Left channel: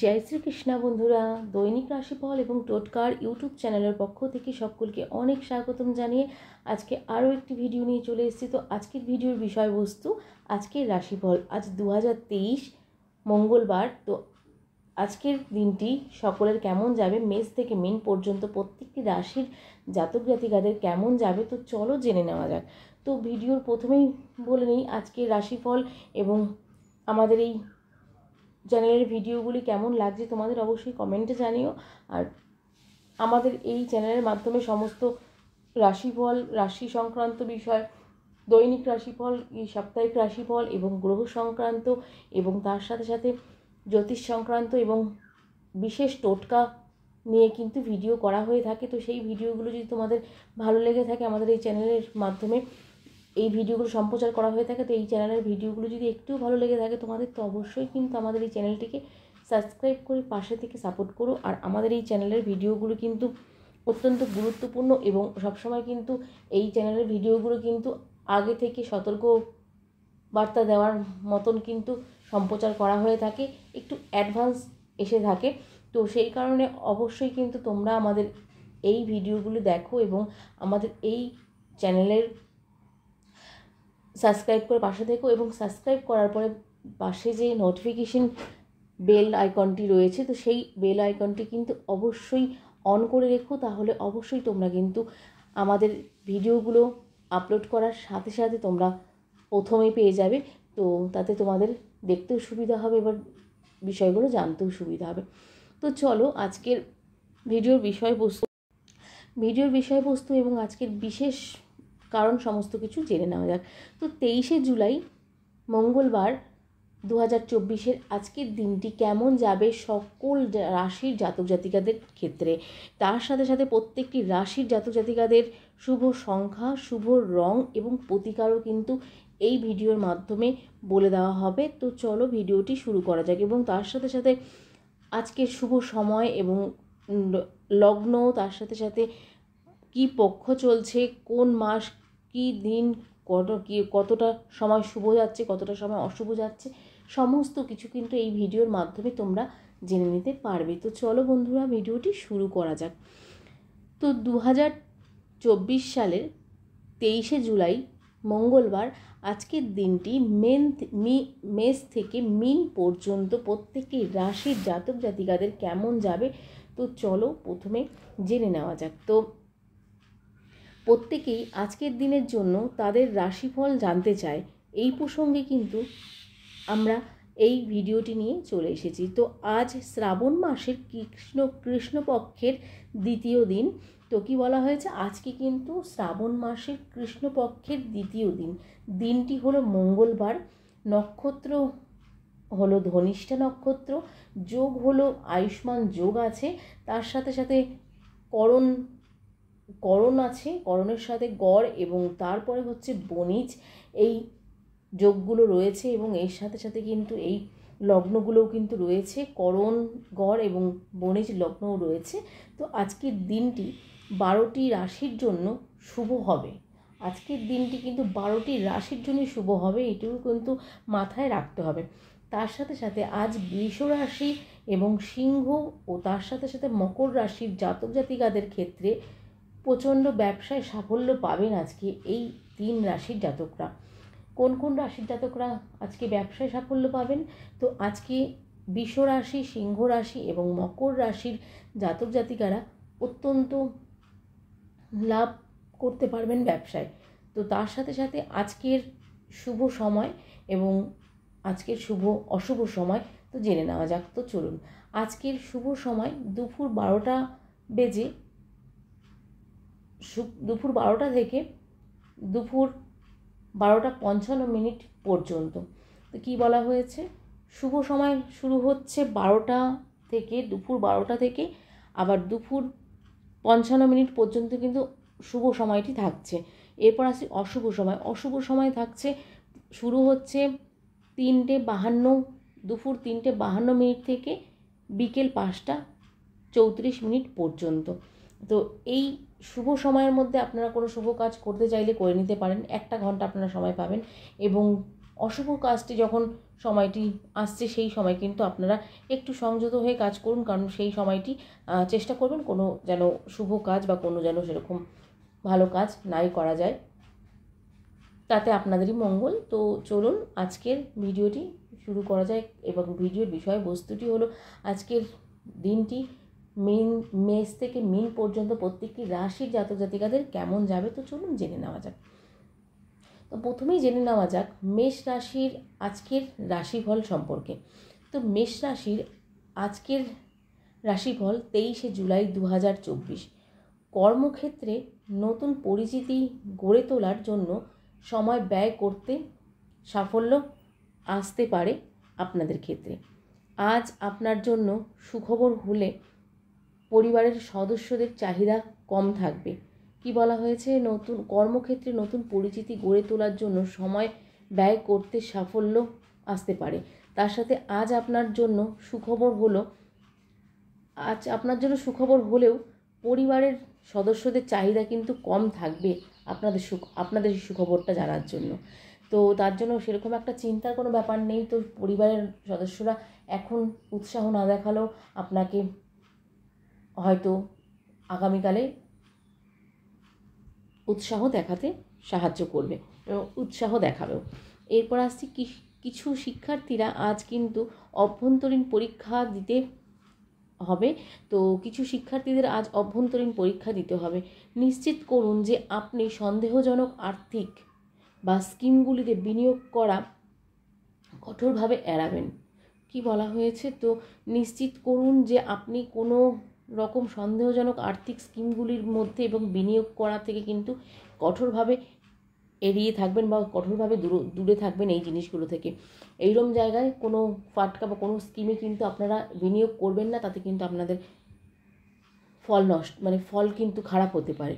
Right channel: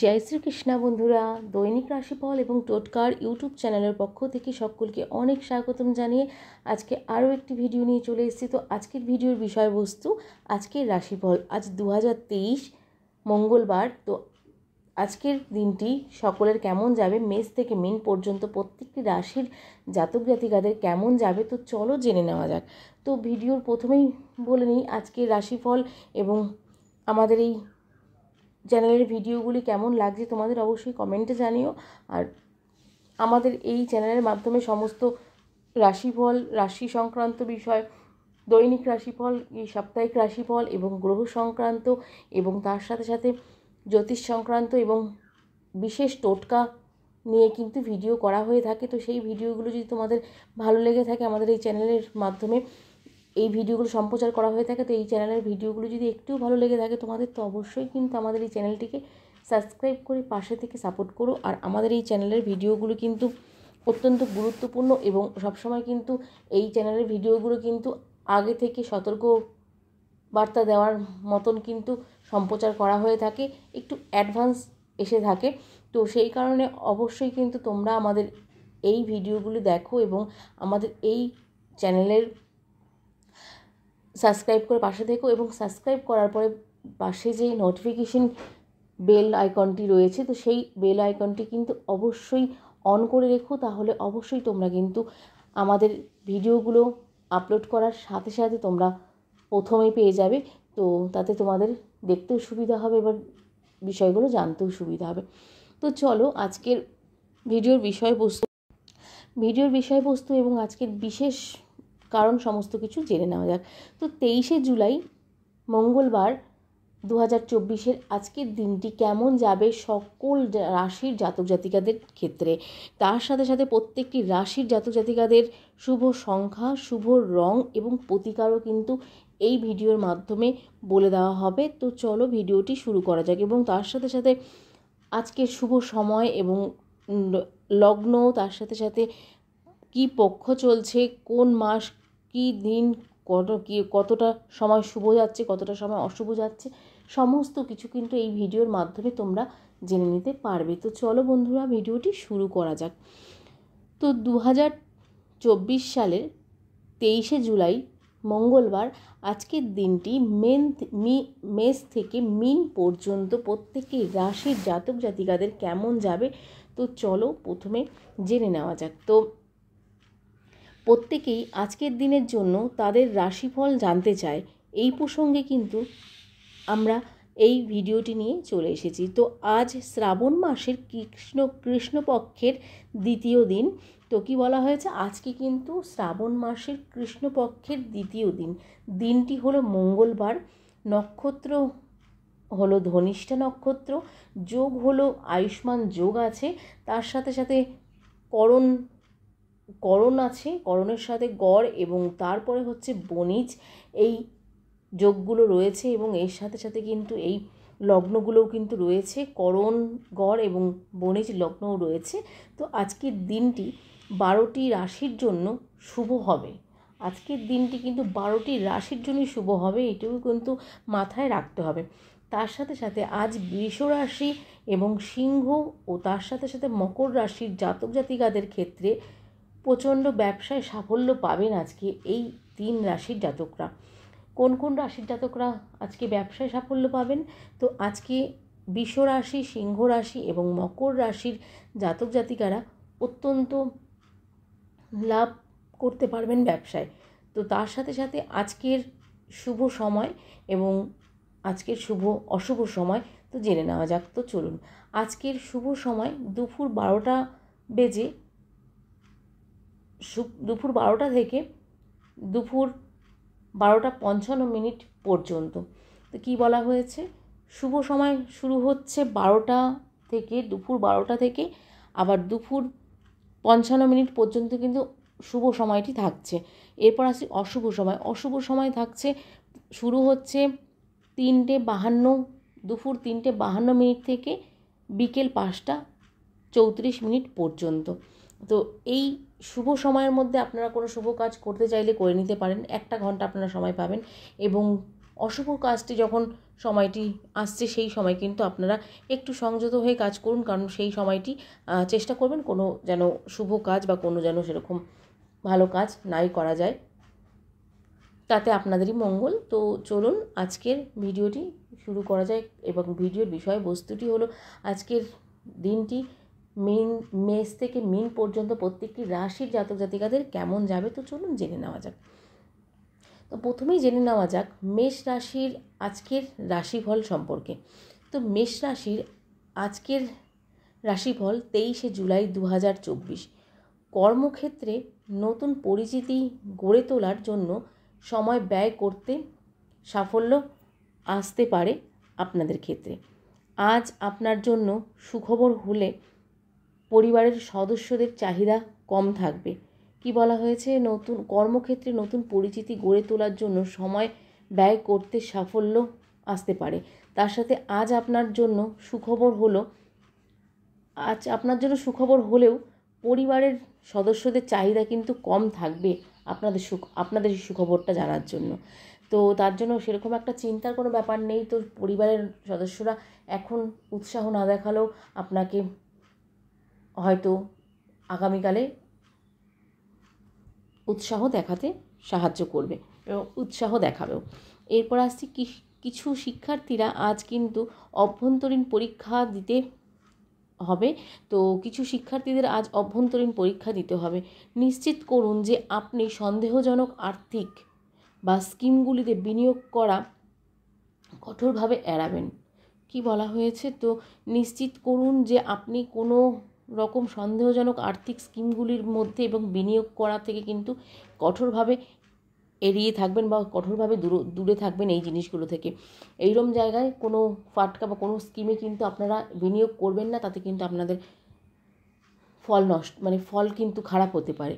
জয় শ্রীকৃষ্ণ বন্ধুরা, দৈনিক রাশিফল এবং টোটকার ইউটিউব চ্যানেলের পক্ষ থেকে সকলকে অনেক স্বাগতম জানিয়ে আজকে আরও একটি ভিডিও নিয়ে চলে এসেছি। তো আজকের ভিডিওর বিষয়বস্তু আজকের রাশিফল। আজ 2023 মঙ্গলবার। তো আজকের দিনটি সকলের কেমন যাবে, মেষ থেকে মীন পর্যন্ত প্রত্যেকটি রাশির জাতক জাতিকাদের কেমন যাবে, তো চলো জেনে নেওয়া যাক। তো ভিডিওর প্রথমেই বলে নিই আজকের রাশিফল এবং আমাদের এই চ্যানেলের ভিডিওগুলি কেমন লাগছে তোমাদের অবশ্যই কমেন্টে জানিও। আর আমাদের এই চ্যানেলের মাধ্যমে সমস্ত রাশিফল, রাশি সংক্রান্ত বিষয়, দৈনিক রাশিফল, এই সাপ্তাহিক রাশিফল এবং গ্রহ সংক্রান্ত এবং তার সাথে সাথে জ্যোতিষ সংক্রান্ত এবং বিশেষ টোটকা নিয়ে কিন্তু ভিডিও করা হয়ে থাকে। তো সেই ভিডিওগুলো যদি তোমাদের ভালো লেগে থাকে, আমাদের এই চ্যানেলের মাধ্যমে এই ভিডিওগুলো সম্প্রচার করা হয়ে থাকে, তো এই চ্যানেলের ভিডিওগুলো যদি একটু ভালো লেগে থাকে তোমাদের, তো অবশ্যই কিন্তু আমাদের এই চ্যানেলটিকে সাবস্ক্রাইব করে পাশে থেকে সাপোর্ট করো। আর আমাদের এই চ্যানেলের ভিডিওগুলো কিন্তু অত্যন্ত গুরুত্বপূর্ণ এবং সবসময় কিন্তু এই চ্যানেলের ভিডিওগুলো কিন্তু আগে থেকে সতর্ক বার্তা দেওয়ার মতন কিন্তু সম্প্রচার করা হয়ে থাকে, একটু অ্যাডভান্স এসে থাকে। তো সেই কারণে অবশ্যই কিন্তু তোমরা আমাদের এই ভিডিওগুলো দেখো এবং আমাদের এই চ্যানেলের সাবস্ক্রাইব করে পাশে থেকো। এবং সাবস্ক্রাইব করার পরে পাশে যে নোটিফিকেশন বেল আইকনটি রয়েছে, তো সেই বেল আইকনটি কিন্তু অবশ্যই অন করে রেখো, তাহলে অবশ্যই তোমরা কিন্তু আমাদের ভিডিওগুলো আপলোড করার সাথে সাথে তোমরা প্রথমেই পেয়ে যাবে। তো তাতে তোমাদের দেখতেও সুবিধা হবে, এবার বিষয়গুলো জানতেও সুবিধা হবে। তো চলো আজকের ভিডিওর বিষয়বস্তু এবং আজকের বিশেষ কারণ সমস্ত কিছু জেনে নেওয়া যাক। তো 23শে জুলাই মঙ্গলবার 2024 আজকের দিনটি কেমন যাবে সকল রাশির জাতক জাতিকাদের ক্ষেত্রে, তার সাথে সাথে প্রত্যেকটি রাশির জাতক জাতিকাদের শুভ সংখ্যা, শুভ রং এবং প্রতিকারও কিন্তু এই ভিডিওর মাধ্যমে বলে দেওয়া হবে। তো চলো ভিডিওটি শুরু করা যাক। এবং তার সাথে সাথে আজকের শুভ সময় এবং লগ্ন, তার সাথে সাথে কি পক্ষ চলছে, কোন মাস, কি দিন, কতটা সময় শুভ যাচ্ছে, কতটা সময় অশুভ যাচ্ছে, সমস্ত কিছু কিন্তু এই ভিডিওর মাধ্যমে তোমরা জেনে নিতে পারবে। তো চলো বন্ধুরা ভিডিওটি শুরু করা যাক। তো 2024 সালের 23শে জুলাই মঙ্গলবার আজকের দিনটি মেষ থেকে মীন পর্যন্ত প্রত্যেকটি রাশির জাতক জাতিকাদের কেমন যাবে, তো চলো প্রথমে জেনে নেওয়া যাক। তো প্রত্যেকেই আজকের দিনের জন্য তাদের রাশিফল জানতে চায়, এই প্রসঙ্গে কিন্তু আমরা এই ভিডিওটি নিয়ে চলে এসেছি। তো আজ শ্রাবণ মাসের কৃষ্ণপক্ষের দ্বিতীয় দিন। তো কি বলা হয়েছে, আজকে কিন্তু শ্রাবণ মাসের কৃষ্ণপক্ষের দ্বিতীয় দিন। দিনটি হলো মঙ্গলবার, নক্ষত্র হলো ধনিষ্ঠা নক্ষত্র, যোগ হলো আয়ুষ্মান যোগ আছে, তার সাথে সাথে করণ আছে, করণের সাথে গড় এবং তারপরে হচ্ছে বণিজ, এই যোগগুলো রয়েছে এবং এর সাথে সাথে কিন্তু এই লগ্নগুলোও কিন্তু রয়েছে, করণ, গড় এবং বণিজ লগ্নও রয়েছে। তো আজকের দিনটি 12টি রাশির জন্য শুভ হবে। আজকের দিনটি কিন্তু 12টি রাশির জন্যই শুভ হবে, এটিও কিন্তু মাথায় রাখতে হবে। তার সাথে সাথে আজ বৃষ রাশি এবং সিংহ ও তার সাথে সাথে মকর রাশির জাতক জাতিকাদের ক্ষেত্রে প্রচণ্ড ব্যবসায় সাফল্য পাবেন আজকে এই 3 রাশির জাতকরা। কোন কোন রাশির জাতকরা আজকে ব্যবসায় সাফল্য পাবেন, তো আজকে বৃষ রাশি, সিংহ রাশি এবং মকর রাশির জাতক জাতিকারা অত্যন্ত লাভ করতে পারবেন ব্যবসায়। তো তার সাথে সাথে আজকের শুভ সময় এবং আজকের শুভ অশুভ সময় তো জেনে নেওয়া যাক। তো চলুন, আজকের শুভ সময় দুপুর 12টা থেকে দুপুর 12:55 পর্যন্ত। তো কী বলা হয়েছে, শুভ সময় শুরু হচ্ছে 12টা থেকে, দুপুর 12টা থেকে আবার দুপুর 55 পর্যন্ত কিন্তু শুভ সময়টি থাকছে। এরপর আসি অশুভ সময়। অশুভ সময় থাকছে, শুরু হচ্ছে 3:52, দুপুর 3:52 থেকে বিকেল 5:34 পর্যন্ত। তো এই শুভ সময়ের মধ্যে আপনারা কোনো শুভ কাজ করতে চাইলে করে নিতে পারেন, 1 ঘন্টা আপনারা সময় পাবেন। এবং অশুভ কাজটি যখন সময়টি আসছে সেই সময় কিন্তু আপনারা একটু সংযত হয়ে কাজ করুন, কারণ সেই সময়টি চেষ্টা করবেন কোনো যেন শুভ কাজ বা কোনো যেন সেরকম ভালো কাজ নাই করা যায়, তাতে আপনাদেরই মঙ্গল। তো চলুন আজকের ভিডিওটি শুরু করা যায়, এবং ভিডিওর বিষয়বস্তুটি হলো আজকের দিনটি মেষ থেকে মীন পর্যন্ত প্রত্যেকটি রাশির জাতক জাতিকাদের কেমন যাবে। তো চলুন জেনে নেওয়া যাক। তো প্রথমেই জেনে নেওয়া যাক মেষ রাশির আজকের রাশিফল সম্পর্কে। তো মেষ রাশির আজকের রাশিফল 23শে জুলাই 2024। কর্মক্ষেত্রে নতুন পরিচিতি গড়ে তোলার জন্য সময় ব্যয় করতে সাফল্য আসতে পারে আপনাদের ক্ষেত্রে। আজ আপনার জন্য সুখবর হলে পরিবারের সদস্যদের চাহিদা কম থাকবে। কি বলা হয়েছে, নতুন কর্মক্ষেত্রে নতুন পরিচিতি গড়ে তোলার জন্য সময় ব্যয় করতে সাফল্য আসতে পারে। তার সাথে আজ আপনার জন্য সুখবর হলেও পরিবারের সদস্যদের চাহিদা কিন্তু কম থাকবে আপনাদের সুখবরটা জানার জন্য। তো তার জন্য সেরকম একটা চিন্তার কোনো ব্যাপার নেই। তো পরিবারের সদস্যরা এখন উৎসাহ না দেখালেও আপনাকে হয়তো আগামীকালে উৎসাহ দেখাতে সাহায্য করবে এবং উৎসাহ দেখাবেও। এরপর আসছি কিছু শিক্ষার্থীরা আজ কিন্তু অভ্যন্তরীণ পরীক্ষা দিতে হবে। তো কিছু শিক্ষার্থীদের আজ অভ্যন্তরীণ পরীক্ষা দিতে হবে। নিশ্চিত করুন যে আপনি সন্দেহজনক আর্থিক বা স্কিমগুলিতে বিনিয়োগ করা কঠোরভাবে এড়াবেন। কি বলা হয়েছে, তো নিশ্চিত করুন যে আপনি কোনো রকম সন্দেহজনক আর্থিক স্কিমগুলির মধ্যে এবং বিনিয়োগ করা থেকে কিন্তু কঠোরভাবে এড়িয়ে থাকবেন বা কঠোরভাবে দূরে থাকবেন এই জিনিসগুলো থেকে। এইরকম জায়গায় কোনো ফাটকা বা কোনো স্কিমে কিন্তু আপনারা বিনিয়োগ করবেন না, তাতে কিন্তু আপনাদের ফল কিন্তু খারাপ হতে পারে।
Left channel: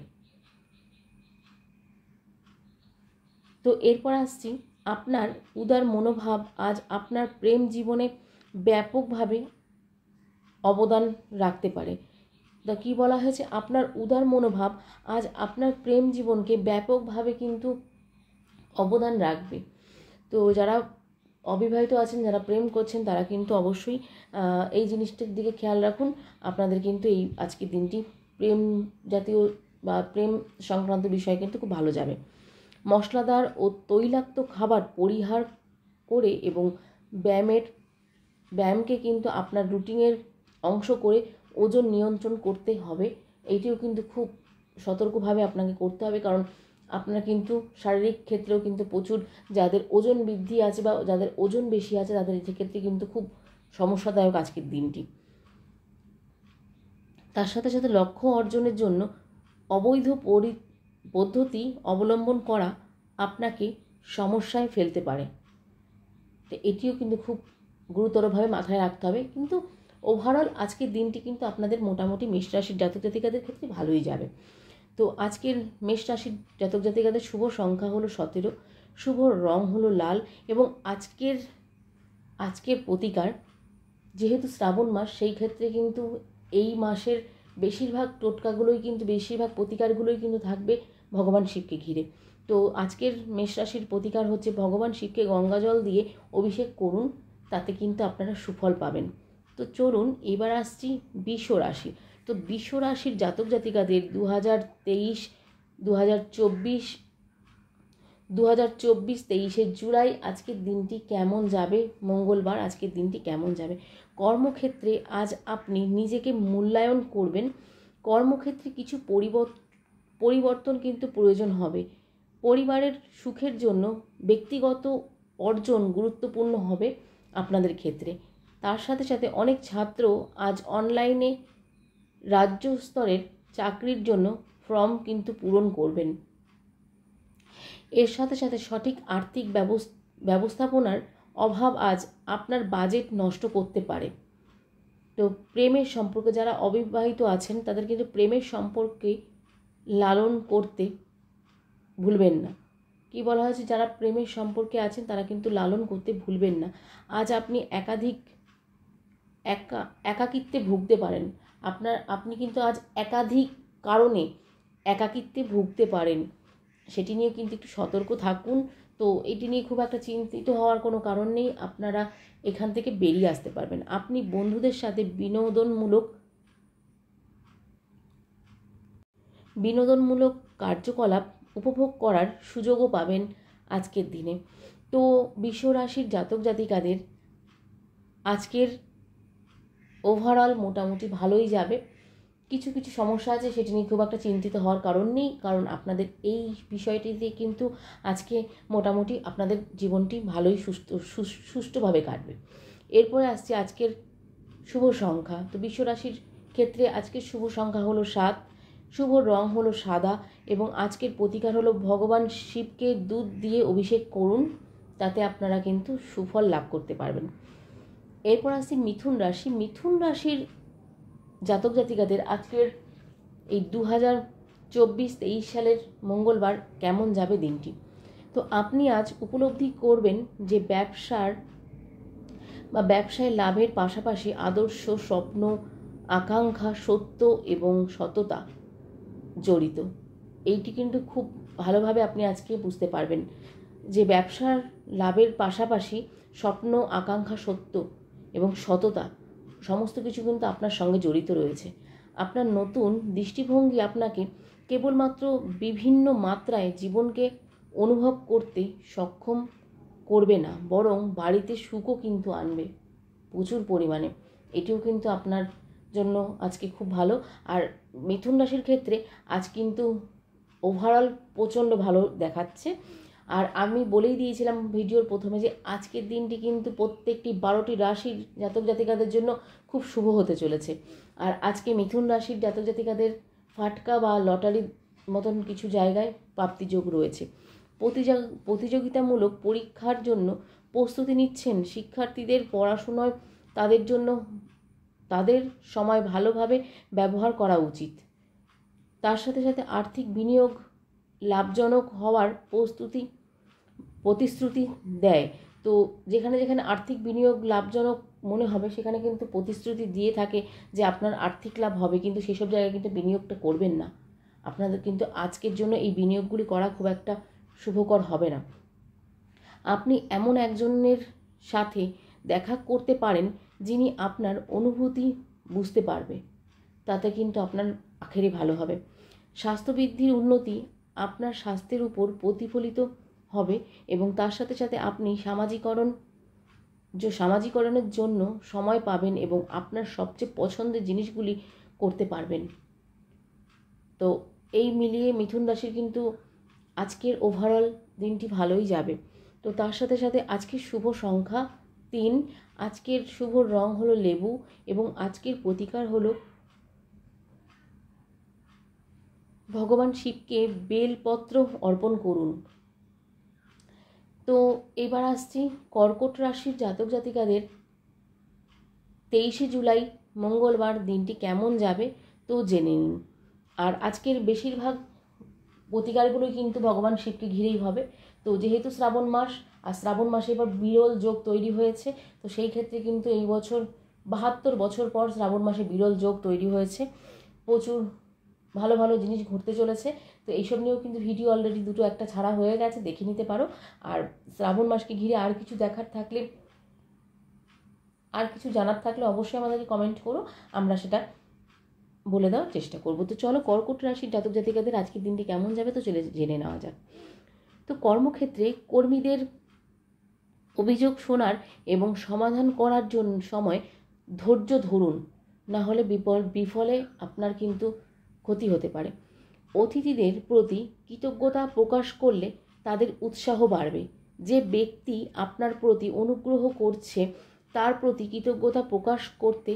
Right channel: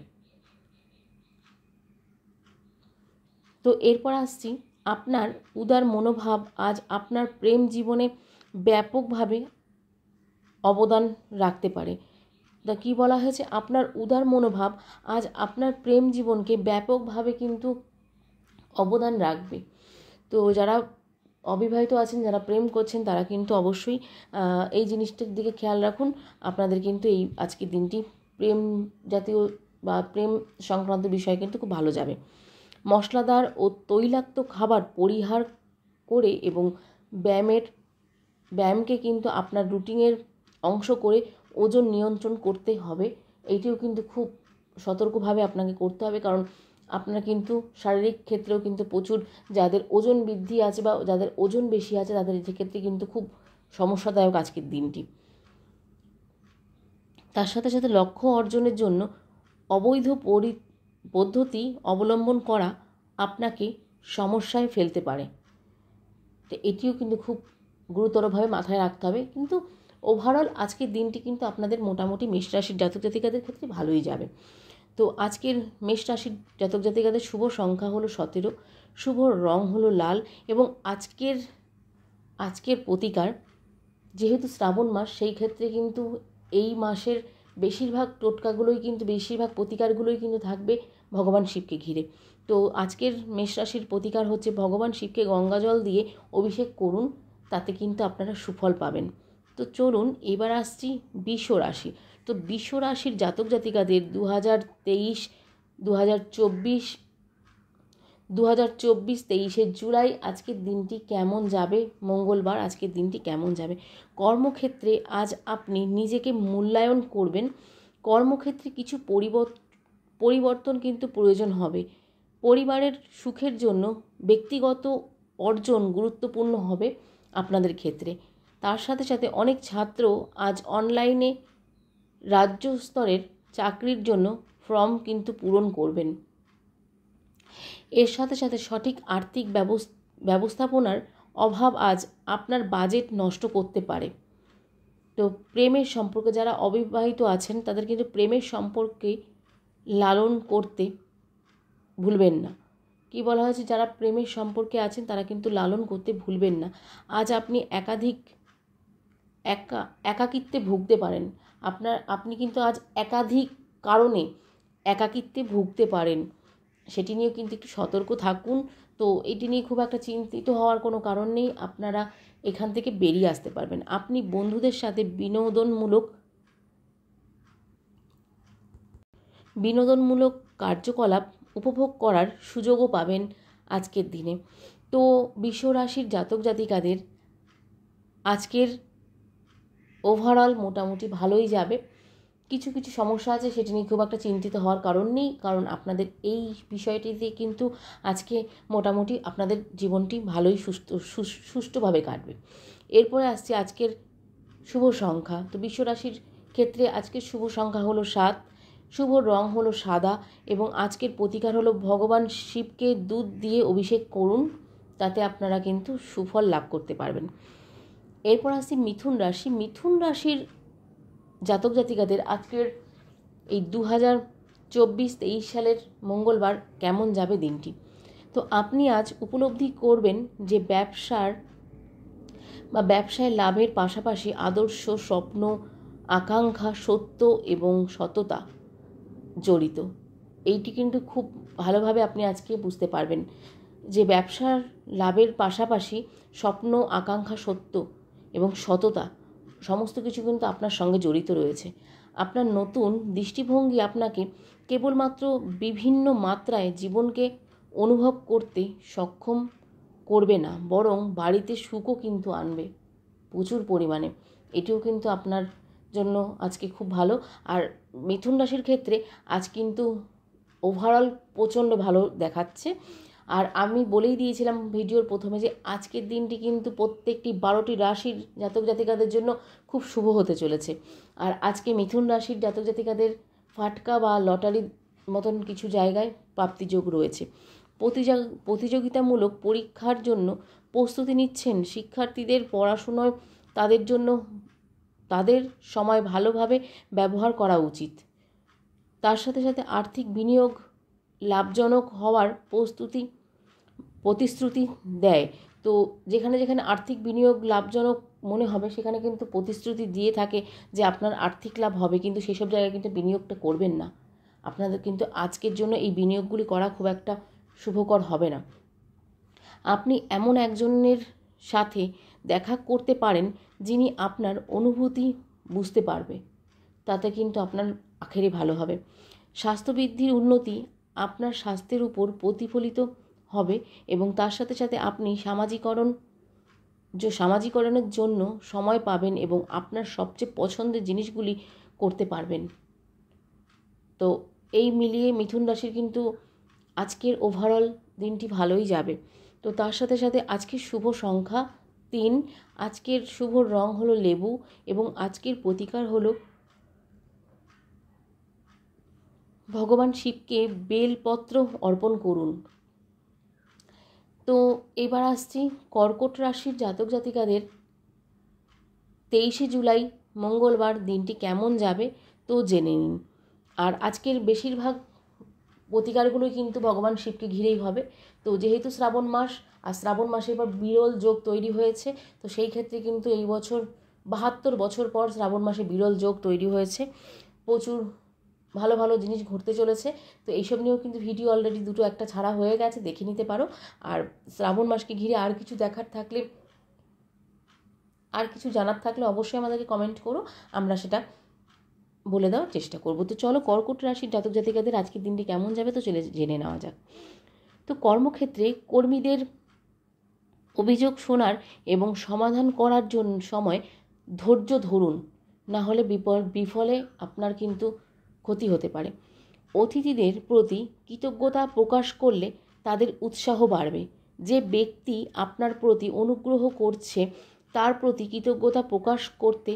তো এরপর আসছি আপনার উদার মনোভাব আজ আপনার প্রেম জীবনে ব্যাপকভাবে অবদান রাখতে পারে। তা কী বলা হয়েছে, আপনার উদার মনোভাব আজ আপনার প্রেম জীবনকে ব্যাপকভাবে কিন্তু অবদান রাখবে। তো যারা অবিবাহিত আছেন, যারা প্রেম করছেন, তারা কিন্তু অবশ্যই এই জিনিসটার দিকে খেয়াল রাখুন। আপনাদের কিন্তু এই আজকের দিনটি প্রেম জাতীয় বা প্রেম সংক্রান্ত বিষয় কিন্তু খুব ভালো যাবে। মশলাদার ও তৈলাক্ত খাবার পরিহার করে এবং ব্যায়ামকে কিন্তু আপনার রুটিনের অংশ করে ওজন নিয়ন্ত্রণ করতে হবে। এইটিও কিন্তু খুব সতর্কভাবে আপনাকে করতে হবে, কারণ আপনারা কিন্তু শারীরিক ক্ষেত্রেও কিন্তু প্রচুর যাদের ওজন বৃদ্ধি আছে বা যাদের ওজন বেশি আছে তাদের ক্ষেত্রে কিন্তু খুব সমস্যাদায়ক আজকের দিনটি। তার সাথে সাথে লক্ষ্য অর্জনের জন্য অবৈধ পদ্ধতি অবলম্বন করা আপনাকে সমস্যায় ফেলতে পারে। তো এটিও কিন্তু খুব গুরুতরভাবে মাথায় রাখতে হবে। কিন্তু ওভারঅল আজকের দিনটি কিন্তু আপনাদের মোটামুটি মেষ রাশির জাতক জাতিকাদের ক্ষেত্রে ভালোই যাবে। তো আজকের মেষ রাশির জাতক জাতিকাদের শুভ সংখ্যা হলো 17, শুভ রং হলো লাল, এবং আজকের প্রতিকার, যেহেতু শ্রাবণ মাস, সেই ক্ষেত্রে কিন্তু এই মাসের বেশিরভাগ প্রতিকারগুলোই কিন্তু থাকবে ভগবান শিবকে ঘিরে। তো আজকের মেষ রাশির প্রতিকার হচ্ছে ভগবান শিবকে গঙ্গাজল দিয়ে অভিষেক করুন, তাতে কিন্তু আপনারা সুফল পাবেন। তো চলুন এবার আসছি বৃষ রাশি। তো বৃষ রাশির জাতক জাতিকাদের 2023 23শে জুলাই আজকের দিনটি কেমন যাবে। মঙ্গলবার আজকের দিনটি কেমন যাবে। কর্মক্ষেত্রে আজ আপনি নিজেকে মূল্যায়ন করবেন। কর্মক্ষেত্রে কিছু পরিবর্তন কিন্তু প্রয়োজন হবে। পরিবারের সুখের জন্য ব্যক্তিগত অর্জন গুরুত্বপূর্ণ হবে আপনাদের ক্ষেত্রে। তার সাথে সাথে অনেক ছাত্র আজ অনলাইনে রাজ্য স্তরের চাকরির জন্য ফর্ম কিন্তু পূরণ করবেন। এর সাথে সাথে সঠিক আর্থিক ব্যবস্থাপনার অভাব আজ আপনার বাজেট নষ্ট করতে পারে। তো প্রেমের সম্পর্কে যারা অবিবাহিত আছেন তাদের কিন্তু প্রেমের সম্পর্কে লালন করতে ভুলবেন না। কি বলা হয়েছে, যারা প্রেমের সম্পর্কে আছেন তারা কিন্তু লালন করতে ভুলবেন না। আজ আপনি একাকিত্বে ভুগতে পারেন। আপনি কিন্তু আজ একাধিক কারণে একাকিত্বে ভুগতে পারেন। সেটি নিয়ে কিন্তু একটু সতর্ক থাকুন। তো এটি নিয়ে খুব একটা চিন্তিত হওয়ার কোনো কারণ নেই, আপনারা এখান থেকে বেরিয়ে আসতে পারবেন। আপনি বন্ধুদের সাথে বিনোদনমূলক কার্যকলাপ উপভোগ করার সুযোগও পাবেন আজকের দিনে। তো বৃষ রাশির জাতক জাতিকাদের আজকের ওভারঅল মোটামুটি ভালোই যাবে। কিছু কিছু সমস্যা আছে, সেটি নিয়ে খুব একটা চিন্তিত হওয়ার কারণ নেই, কারণ আপনাদের এই বিষয়টিতে কিন্তু আজকে মোটামুটি আপনাদের জীবনটি ভালোই সুষ্ঠুভাবে কাটবে। এরপরে আসছে আজকের শুভ সংখ্যা। তো বৃষ রাশির ক্ষেত্রে আজকের শুভ সংখ্যা হলো 7, শুভ রং হলো সাদা এবং আজকের প্রতিকার হলো ভগবান শিবকে দুধ দিয়ে অভিষেক করুন, তাতে আপনারা কিন্তু সুফল লাভ করতে পারবেন। এরপর আসছি মিথুন রাশি। মিথুন রাশির জাতক জাতিকাদের আজকের এই 2024-23 সালের মঙ্গলবার কেমন যাবে দিনটি। তো আপনি আজ উপলব্ধি করবেন যে ব্যবসায় লাভের পাশাপাশি আদর্শ, স্বপ্ন, আকাঙ্ক্ষা, সত্য এবং সততা জড়িত। এইটি কিন্তু খুব ভালোভাবে আপনি আজকে বুঝতে পারবেন যে ব্যবসার লাভের পাশাপাশি স্বপ্ন, আকাঙ্ক্ষা, সত্য এবং সততা সমস্ত কিছু কিন্তু আপনার সঙ্গে জড়িত রয়েছে। আপনার নতুন দৃষ্টিভঙ্গি আপনাকে কেবলমাত্র বিভিন্ন মাত্রায় জীবনকে অনুভব করতে সক্ষম করবে না, বরং বাড়িতে সুখও কিন্তু আনবে প্রচুর পরিমাণে। এটিও কিন্তু আপনার জন্য আজকে খুব ভালো। আর মিথুন রাশির ক্ষেত্রে আজ কিন্তু ওভারঅল প্রচণ্ড ভালো দেখাচ্ছে। আর আমি বলেই দিয়েছিলাম ভিডিওর প্রথমে যে আজকের দিনটি কিন্তু প্রত্যেকটি 12টি রাশির জাতক জাতিকাদের জন্য খুব শুভ হতে চলেছে। আর আজকে মিথুন রাশির জাতক জাতিকাদের ফাটকা বা লটারির মতন কিছু জায়গায় প্রাপ্তিযোগ রয়েছে। প্রতিযোগিতামূলক পরীক্ষার জন্য প্রস্তুতি নিচ্ছেন শিক্ষার্থীদের পড়াশোনায় তাদের সময় ভালোভাবে ব্যবহার করা উচিত। তার সাথে সাথে আর্থিক বিনিয়োগ লাভজনক হওয়ার প্রতিশ্রুতি দেয়। তো যেখানে যেখানে আর্থিক বিনিয়োগ লাভজনক মনে হবে সেখানে কিন্তু প্রতিশ্রুতি দিয়ে থাকে যে আপনার আর্থিক লাভ হবে, কিন্তু সেসব জায়গায় কিন্তু বিনিয়োগটা করবেন না। আপনাদের কিন্তু আজকের জন্য এই বিনিয়োগগুলি করা খুব একটা শুভকর হবে না। আপনি এমন একজনের সাথে দেখা করতে পারেন যিনি আপনার অনুভূতি বুঝতে পারবে, তাতে কিন্তু আপনার আখেরে ভালো হবে। স্বাস্থ্যবৃদ্ধির উন্নতি আপনার স্বাস্থ্যের উপর প্রতিফলিত হবে এবং তার সাথে সাথে আপনি সামাজিকরণের জন্য সময় পাবেন এবং আপনার সবচেয়ে পছন্দের জিনিসগুলি করতে পারবেন। তো এই মিলিয়ে মিথুন রাশির কিন্তু আজকের ওভারঅল দিনটি ভালোই যাবে। তো তার সাথে সাথে আজকের শুভ সংখ্যা 3, আজকের শুভ রং হলো লেবু এবং আজকের প্রতিকার হলো ভগবান শিবকে বেলপত্র অর্পণ করুন। তো এবার আসছি কর্কট রাশির জাতক জাতিকাদের 23 জুলাই মঙ্গলবার দিনটি কেমন যাবে তো জেনে নিন। আর আজকের বেশিরভাগ প্রতিকারগুলোই কিন্তু ভগবান শিবকে ঘিরেই হবে। তো যেহেতু শ্রাবণ মাস, আর শ্রাবণ মাসে এবার বিরল যোগ তৈরি হয়েছে, তো সেই ক্ষেত্রে কিন্তু এই বছর 72 বছর পর শ্রাবণ মাসে বিরল যোগ তৈরি হয়েছে। প্রচুর ভালো ভালো জিনিস ঘটতে চলেছে। তো এইসব নিয়েও কিন্তু ভিডিও অলরেডি 2-1টা ছাড়া হয়ে গেছে, দেখে নিতে পারো। আর শ্রাবণ মাসকে ঘিরে আর কিছু দেখার থাকলে, আর কিছু জানার থাকলে অবশ্যই আমাদেরকে কমেন্ট করো, আমরা সেটা বলে দেওয়ার চেষ্টা করব। তো চলো কর্কট রাশির জাতক জাতিকাদের আজকের দিনটি কেমন যাবে তো জেনে নেওয়া যাক। তো কর্মক্ষেত্রে কর্মীদের অভিযোগ শোনার এবং সমাধান করার জন্য সময় ধৈর্য ধরুন, না হলে বিফলে আপনার কিন্তু ক্ষতি হতে পারে। অতিথিদের প্রতি কৃতজ্ঞতা প্রকাশ করলে তাদের উৎসাহ বাড়বে। যে ব্যক্তি আপনার প্রতি অনুগ্রহ করছে তার প্রতি কৃতজ্ঞতা প্রকাশ করতে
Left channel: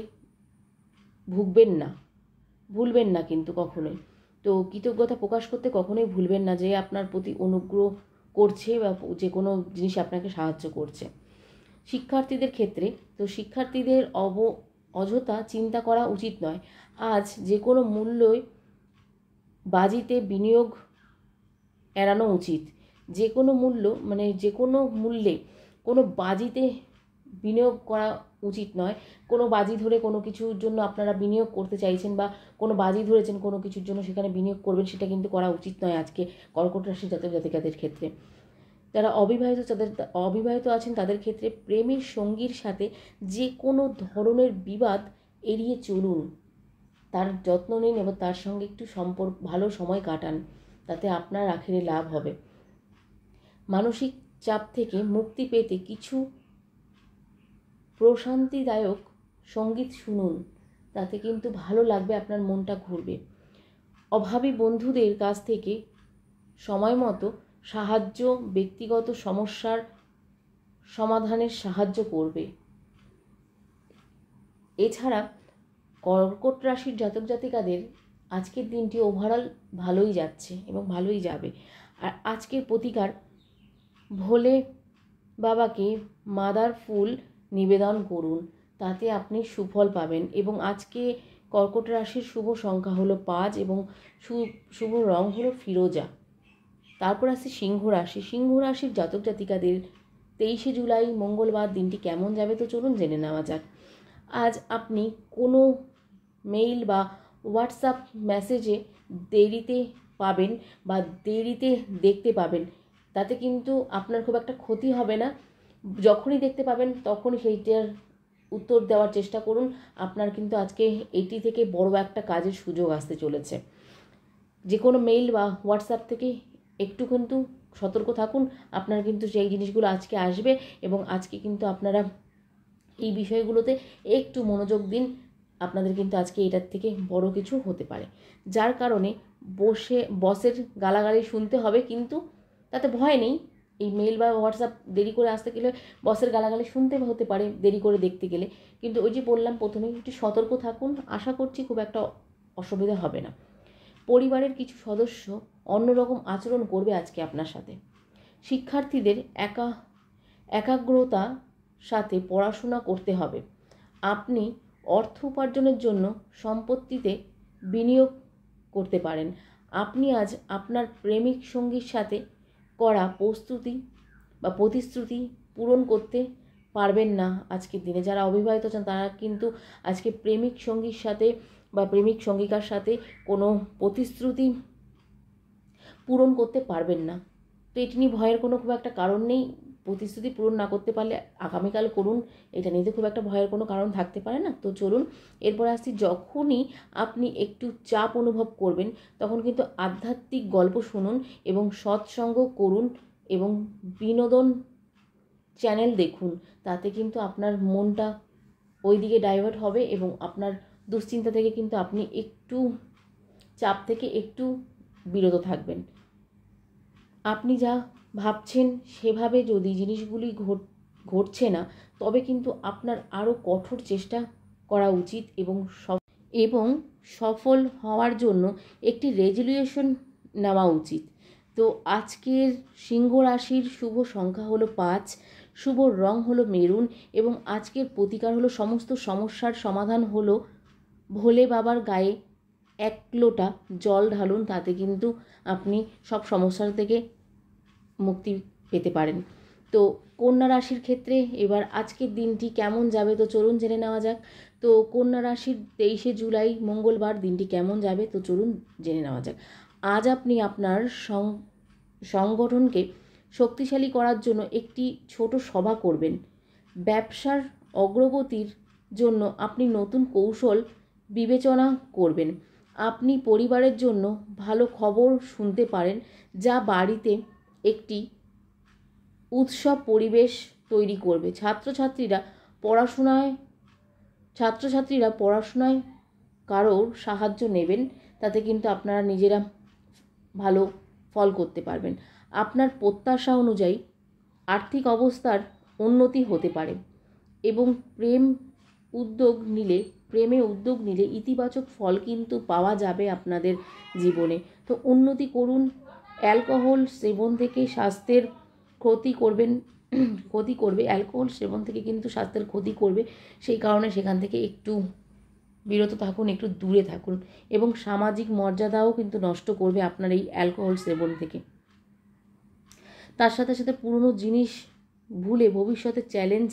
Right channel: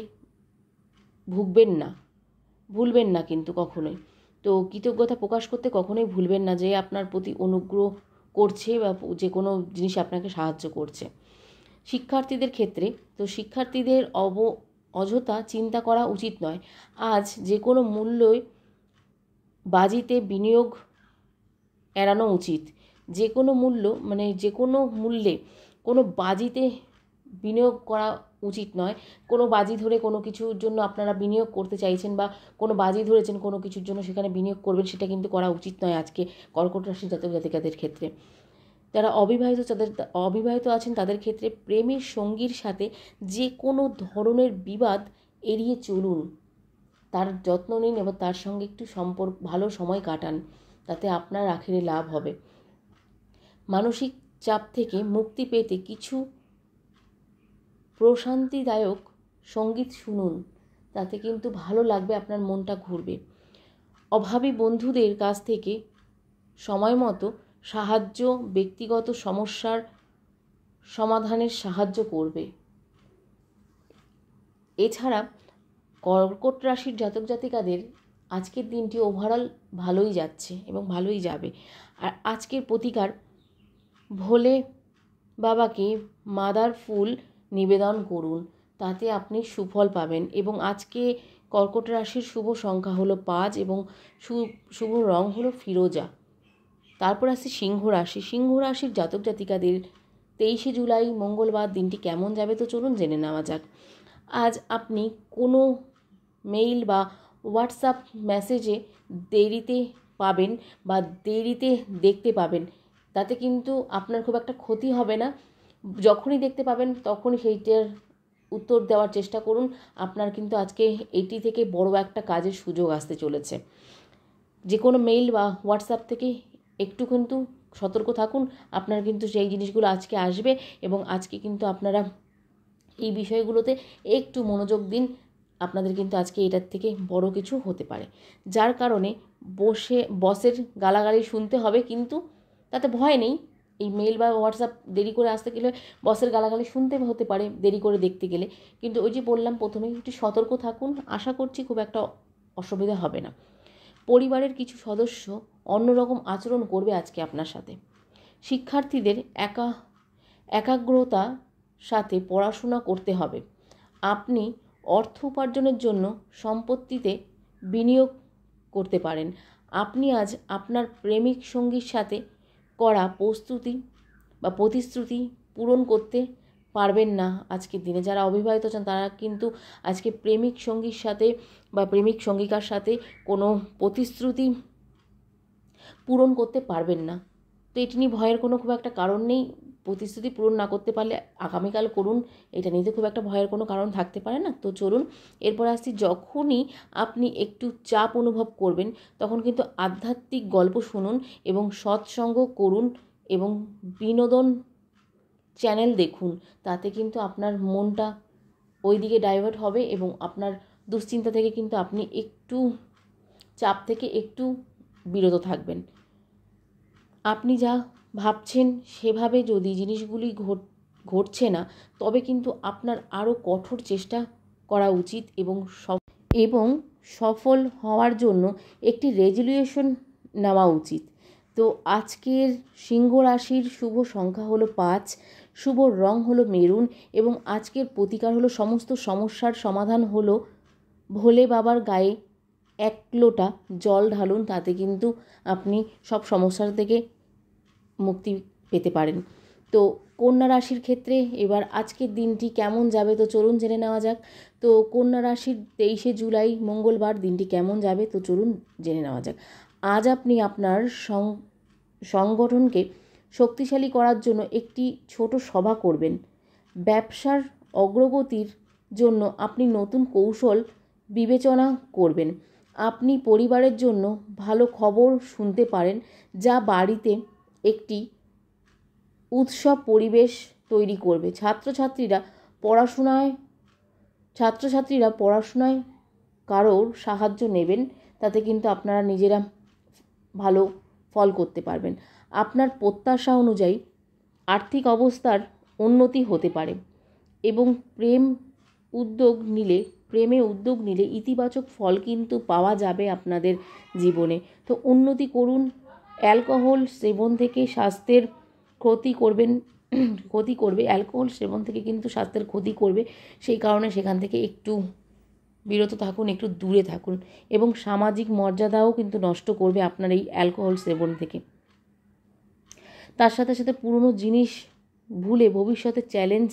ভুলবেন না কিন্তু কখনোই। তো কৃতজ্ঞতা প্রকাশ করতে কখনোই ভুলবেন না যে আপনার প্রতি অনুগ্রহ করছে বা যে কোনো জিনিস আপনাকে সাহায্য করছে। শিক্ষার্থীদের ক্ষেত্রে তো শিক্ষার্থীদের অযথা চিন্তা করা উচিত নয়। আজ যে কোনো মূল্যই বাজিতে বিনিয়োগ এড়ানো উচিত। যে কোনো মূল্যে কোনো বাজিতে বিনিয়োগ করা উচিত নয়। কোনো বাজি ধরে কোনো কিছুর জন্য আপনারা বিনিয়োগ করতে চাইছেন বা কোনো বাজি ধরেছেন কোনো কিছুর জন্য সেখানে বিনিয়োগ করবেন, সেটা কিন্তু করা উচিত নয় আজকে কর্কট রাশির জাতক জাতিকাদের ক্ষেত্রে। যারা অবিবাহিত আছেন তাদের ক্ষেত্রে প্রেমের সঙ্গীর সাথে যে কোনো ধরনের বিবাদ এড়িয়ে চলুন, তার যত্ন নিন এবং তার সঙ্গে একটু ভালো সময় কাটান, তাতে আপনার আখেরে লাভ হবে। মানসিক চাপ থেকে মুক্তি পেতে কিছু প্রশান্তিদায়ক সঙ্গীত শুনুন, তাতে কিন্তু ভালো লাগবে, আপনার মনটা ঘুরবে। অভাবী বন্ধুদের কাছ থেকে সময় মতো সাহায্য ব্যক্তিগত সমস্যার সমাধানের সাহায্য করবে। এছাড়া কর্কট রাশির জাতক জাতিকাদের আজকের দিনটি ওভারঅল ভালোই যাচ্ছে এবং ভালোই যাবে। আর আজকের প্রতিকার, ভোলে বাবাকে মাদার ফুল নিবেদন করুন, তাতে আপনি সুফল পাবেন। এবং আজকে কর্কট রাশির শুভ সংখ্যা হলো 5 এবং শুভ রং হলো ফিরোজা। তারপর আসছে সিংহ রাশি। সিংহ রাশির জাতক জাতিকাদের 23শে জুলাই মঙ্গলবার দিনটি কেমন যাবে তো চলুন জেনে নেওয়া যাক। আজ আপনি কোনো মেইল বা হোয়াটসঅ্যাপ মেসেজে দেরিতে পাবেন বা দেরিতে দেখতে পাবেন, তাতে কিন্তু আপনার খুব একটা ক্ষতি হবে না। যখনই দেখতে পাবেন তখনই সেইটার উত্তর দেওয়ার চেষ্টা করুন। আপনার কিন্তু আজকে এটি থেকে বড় একটা কাজের সুযোগ আসতে চলেছে। যে কোনো মেইল বা হোয়াটসঅ্যাপ থেকে একটু কিন্তু সতর্ক থাকুন, আপনার কিন্তু সেই জিনিসগুলো আজকে আসবে এবং আজকে কিন্তু আপনারা এই বিষয়গুলোতে একটু মনোযোগ দিন, আপনাদের কিন্তু আজকে এটার থেকে বড় কিছু হতে পারে, যার কারণে বসের গালাগালি শুনতে হবে, কিন্তু তাতে ভয় নেই। এই মেল বা হোয়াটসঅ্যাপ দেরি করে আসতে গেলে বসের গালাগালি শুনতে হতে পারে দেরি করে দেখতে গেলে, কিন্তু ওই যে বললাম প্রথমেই একটু সতর্ক থাকুন, আশা করছি খুব একটা অসুবিধা হবে না। পরিবারের কিছু সদস্য অন্যরকম আচরণ করবে আজকে আপনার সাথে। শিক্ষার্থীদের একাগ্রতা সাথে পড়াশোনা করতে হবে। আপনি অর্থ উপার্জনের জন্য সম্পত্তিতে বিনিয়োগ করতে পারেন। আপনি আজ আপনার প্রেমিক সঙ্গীর সাথে করা প্রতিশ্রুতি পূরণ করতে পারবেন না আজকের দিনে। যারা অবিবাহিত আছেন তারা কিন্তু আজকে প্রেমিক সঙ্গীর সাথে বা প্রেমিক সঙ্গিকার সাথে কোনো প্রতিশ্রুতি পূরণ করতে পারবেন না। তো এটি নিয়ে ভয়ের কোনো খুব একটা কারণ নেই। প্রতিশ্রুতি পূরণ না করতে পারলে আগামীকাল করুন, এটা নিয়ে তো খুব একটা ভয়ের কোনো কারণ থাকতে পারে না। তো চলুন এরপর আসছি, যখনই আপনি একটু চাপ অনুভব করবেন তখন কিন্তু আধ্যাত্মিক গল্প শুনুন এবং সৎসঙ্গ করুন এবং বিনোদন চ্যানেল দেখুন, তাতে কিন্তু আপনার মনটা ওই দিকে ডাইভার্ট হবে এবং আপনার দুশ্চিন্তা থেকে কিন্তু আপনি একটু চাপ থেকে একটু বিরত থাকবেন। আপনি যা ভাবছেন সেভাবে যদি জিনিসগুলি ঘটছে না, তবে কিন্তু আপনার আরও কঠোর চেষ্টা করা উচিত এবং সফল হওয়ার জন্য একটি রেজলিউশন নেওয়া উচিত। তো আজকের সিংহ রাশির শুভ সংখ্যা হলো 5, শুভ রং হলো মেরুন এবং আজকের প্রতিকার হলো সমস্ত সমস্যার সমাধান হলো ভোলে বাবার গায়ে 1 লোটা জল ঢালুন, তাতে কিন্তু আপনি সব সমস্যার থেকে মুক্তি পেতে পারেন। তো কন্যা রাশির ক্ষেত্রে এবার আজকের দিনটি কেমন যাবে তো চলুন জেনে নেওয়া যাক। তো কন্যা রাশির 23শে জুলাই মঙ্গলবার দিনটি কেমন যাবে তো চলুন জেনে নেওয়া যাক। আজ আপনি আপনার সংগঠনকে শক্তিশালী করার জন্য একটি ছোট সভা করবেন। ব্যবসার অগ্রগতির জন্য আপনি নতুন কৌশল বিবেচনা করবেন। আপনি পরিবারের জন্য ভালো খবর শুনতে পারেন, যা বাড়িতে একটি উৎসব পরিবেশ তৈরি করবে। ছাত্রছাত্রীরা পড়াশোনায় কারোর সাহায্য নেবেন, তাতে কিন্তু আপনারা নিজেরা ভালো ফল করতে পারবেন। আপনার প্রত্যাশা অনুযায়ী আর্থিক অবস্থার উন্নতি হতে পারে এবং প্রেমে উদ্যোগ নিলে ইতিবাচক ফল কিন্তু পাওয়া যাবে আপনাদের জীবনে। তো উন্নতি করুন। অ্যালকোহল সেবন থেকে স্বাস্থ্যের ক্ষতি করবে, অ্যালকোহল সেবন থেকে কিন্তু স্বাস্থ্যের ক্ষতি করবে, সেই কারণে সেখান থেকে একটু বিরত থাকুন, একটু দূরে থাকুন এবং সামাজিক মর্যাদাও কিন্তু নষ্ট করবে আপনার এই অ্যালকোহল সেবন থেকে। তার সাথে সাথে পুরনো জিনিস ভুলে ভবিষ্যতে চ্যালেঞ্জ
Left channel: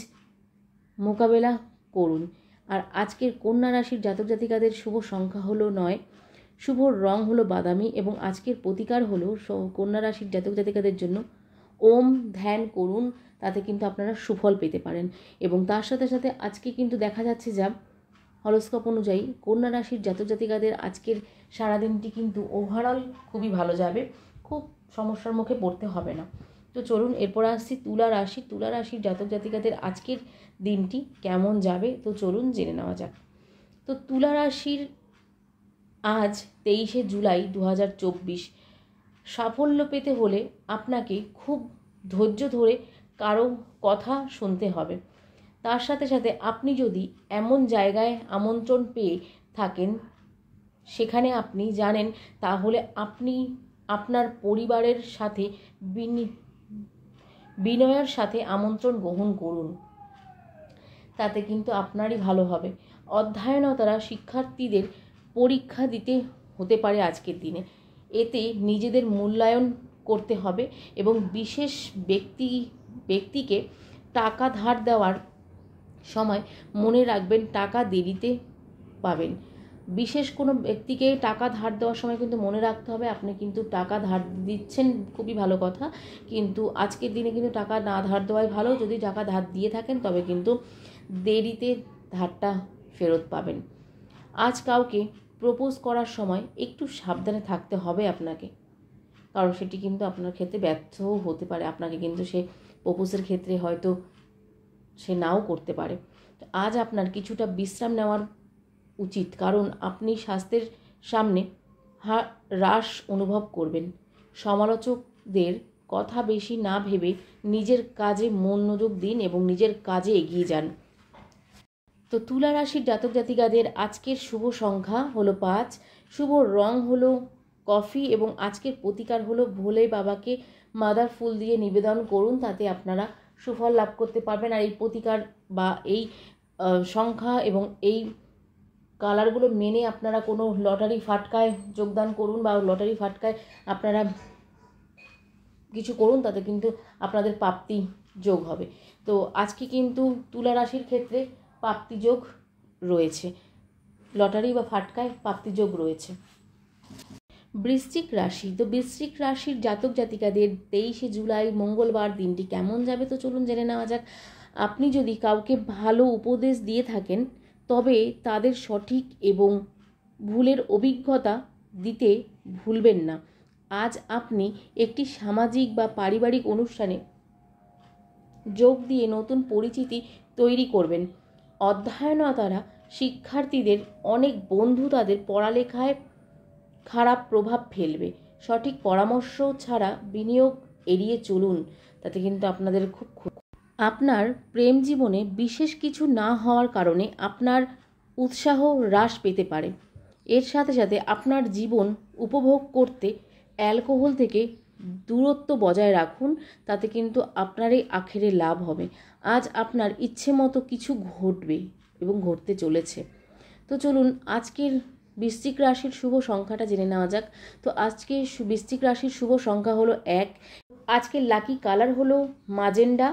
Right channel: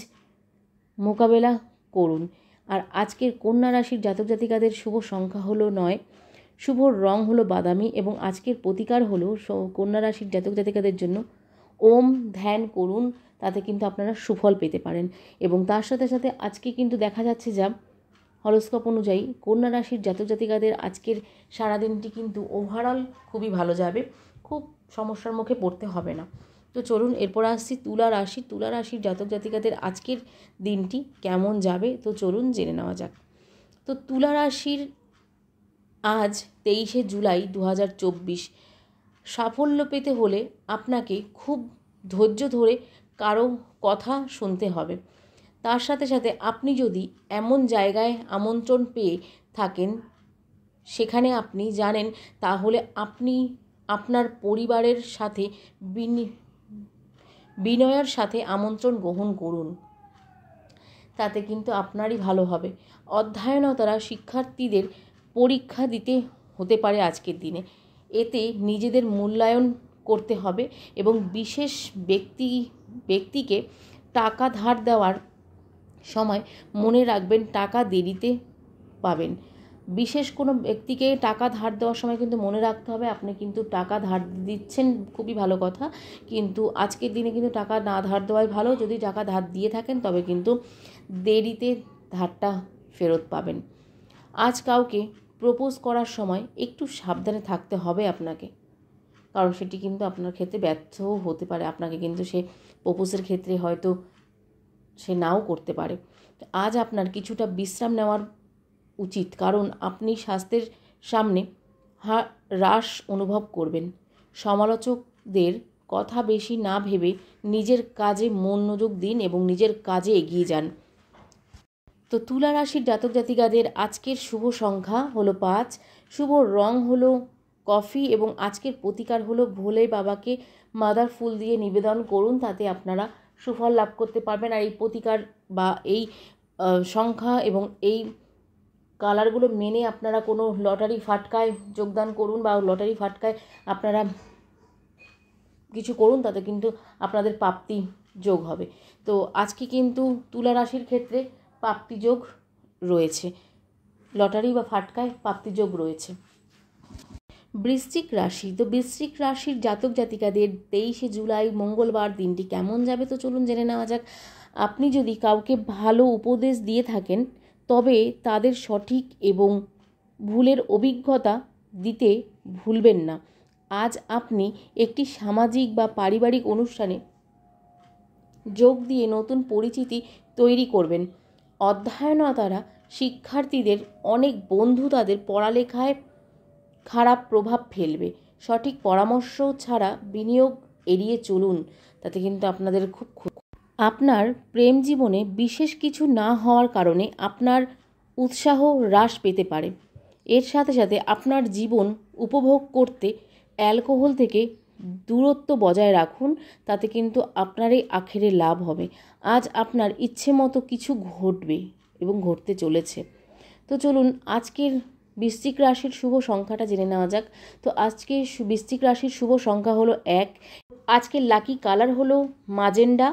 মোকাবেলা করুন। আর আজকের কন্যা রাশির জাতক জাতিকাদের শুভ সংখ্যা হলো 9, শুভ রং হলো বাদামি এবং আজকের প্রতিকার হলো কন্যা রাশির জাতক জাতিকাদের জন্য ওম ধ্যান করুন, তাতে কিন্তু আপনারা সুফল পেতে পারেন। এবং তার সাথে সাথে আজকে কিন্তু দেখা যাচ্ছে যা হরোস্কোপ অনুযায়ী কন্যা রাশির জাতক জাতিকাদের আজকের সারাদিনটি কিন্তু ওভারঅল খুবই ভালো যাবে, খুব সমস্যার মুখে পড়তে হবে না। তো চলুন এরপর আসছি তুলা রাশি। তুলা রাশির জাতক জাতিকাদের আজকের দিনটি কেমন যাবে তো চলুন জেনে নেওয়া যাক। তো তুলা রাশির আজ 23শে জুলাই 2024। সাফল্য পেতে হলে আপনাকে খুব ধৈর্য ধরে কারো কথা শুনতে হবে। তার সাথে সাথে আপনি যদি এমন জায়গায় আমন্ত্রণ পেয়ে থাকেন সেখানে আপনি জানেন, তাহলে আপনি আপনার পরিবারের সাথে বিনয়ের সাথে আমন্ত্রণ গ্রহণ করুন, তাতে কিন্তু আপনারই ভালো হবে। অধ্যয়নতারা শিক্ষার্থীদের পরীক্ষা দিতে হতে পারে আজকের দিনে, এতে নিজেদের মূল্যায়ন করতে হবে এবং বিশেষ ব্যক্তিকে টাকা ধার দেওয়ার সময় মনে রাখবেন টাকা দেরিতে পাবেন। বিশেষ কোনো ব্যক্তিকে টাকা ধার দেওয়ার সময় কিন্তু মনে রাখতে হবে আপনি কিন্তু টাকা ধার দিচ্ছেন, খুবই ভালো কথা, কিন্তু আজকের দিনে কিন্তু টাকা না ধার দেওয়াই ভালো। যদি টাকা ধার দিয়ে থাকেন তবে কিন্তু দেরিতে ধারটা ফেরত পাবেন। আজ কাউকে প্রপোজ করার সময় একটু সাবধানে থাকতে হবে আপনাকে, কারণ সেটি কিন্তু আপনার ক্ষেত্রে ব্যর্থও হতে পারে। আপনাকে কিন্তু সে প্রপোজের ক্ষেত্রে হয়তো সে নাও করতে পারে। আজ আপনার কিছুটা বিশ্রাম নেওয়ার উচিত, কারণ আপনি স্বাস্থ্যের সামনে হ্রাস অনুভব করবেন। সমালোচকদের কথা বেশি না ভেবে নিজের কাজে মনোযোগ দিন এবং নিজের কাজে এগিয়ে যান। তো তুলা রাশির জাতক জাতিকাদের আজকের শুভ সংখ্যা হলো 5, শুভ রং হলো কফি এবং আজকের প্রতিকার হলো ভোলে বাবাকে মাদার ফুল দিয়ে নিবেদন করুন, তাতে আপনারা সুফল লাভ করতে পারবেন। আর এই প্রতিকার বা এই সংখ্যা এবং এই কালারগুলো মেনে আপনারা কোনো লটারি ফাটকায় যোগদান করুন বা লটারি ফাটকায় আপনারা কিছু করুন, তাতে কিন্তু আপনাদের প্রাপ্তি যোগ হবে। তো আজকে কিন্তু তুলা রাশির ক্ষেত্রে প্রাপ্তি যোগ রয়েছে, লটারি বা ফাটকায় প্রাপ্তি যোগ রয়েছে। বৃশ্চিক রাশি। তো বৃশ্চিক রাশির জাতক জাতিকাদের 23শে জুলাই মঙ্গলবার দিনটি কেমন যাবে তো চলুন জেনে নেওয়া যাক। আপনি যদি কাউকে ভালো উপদেশ দিয়ে থাকেন তবে তাদের সঠিক এবং ভুলের অভিজ্ঞতা দিতে ভুলবেন না। আজ আপনি একটি সামাজিক বা পারিবারিক অনুষ্ঠানে যোগ দিয়ে নতুন পরিচিতি তৈরি করবেন। অধ্যয়নতারা শিক্ষার্থীদের অনেক বন্ধু তাদের পড়ালেখায় খারাপ প্রভাব ফেলবে। সঠিক পরামর্শ ছাড়া বিনিয়োগ এড়িয়ে চলুন, তাতে কিন্তু আপনাদের খুব আপনার প্রেম জীবনে বিশেষ কিছু না হওয়ার কারণে আপনার উৎসাহ হ্রাস পেতে পারে। এর সাথে সাথে আপনার জীবন উপভোগ করতে অ্যালকোহল থেকে দূরত্ব বজায় রাখুন, তাতে কিন্তু আপনারই আখেরে লাভ হবে। আজ আপনার ইচ্ছে মতো কিছু ঘটবে এবং ঘটতে চলেছে। তো চলুন আজকের বৃশ্চিক রাশির শুভ সংখ্যাটা জেনে নেওয়া যাক। তো আজকে বৃশ্চিক রাশির শুভ সংখ্যা হলো 1, আজকের লাকি কালার হলো মাজেন্ডা।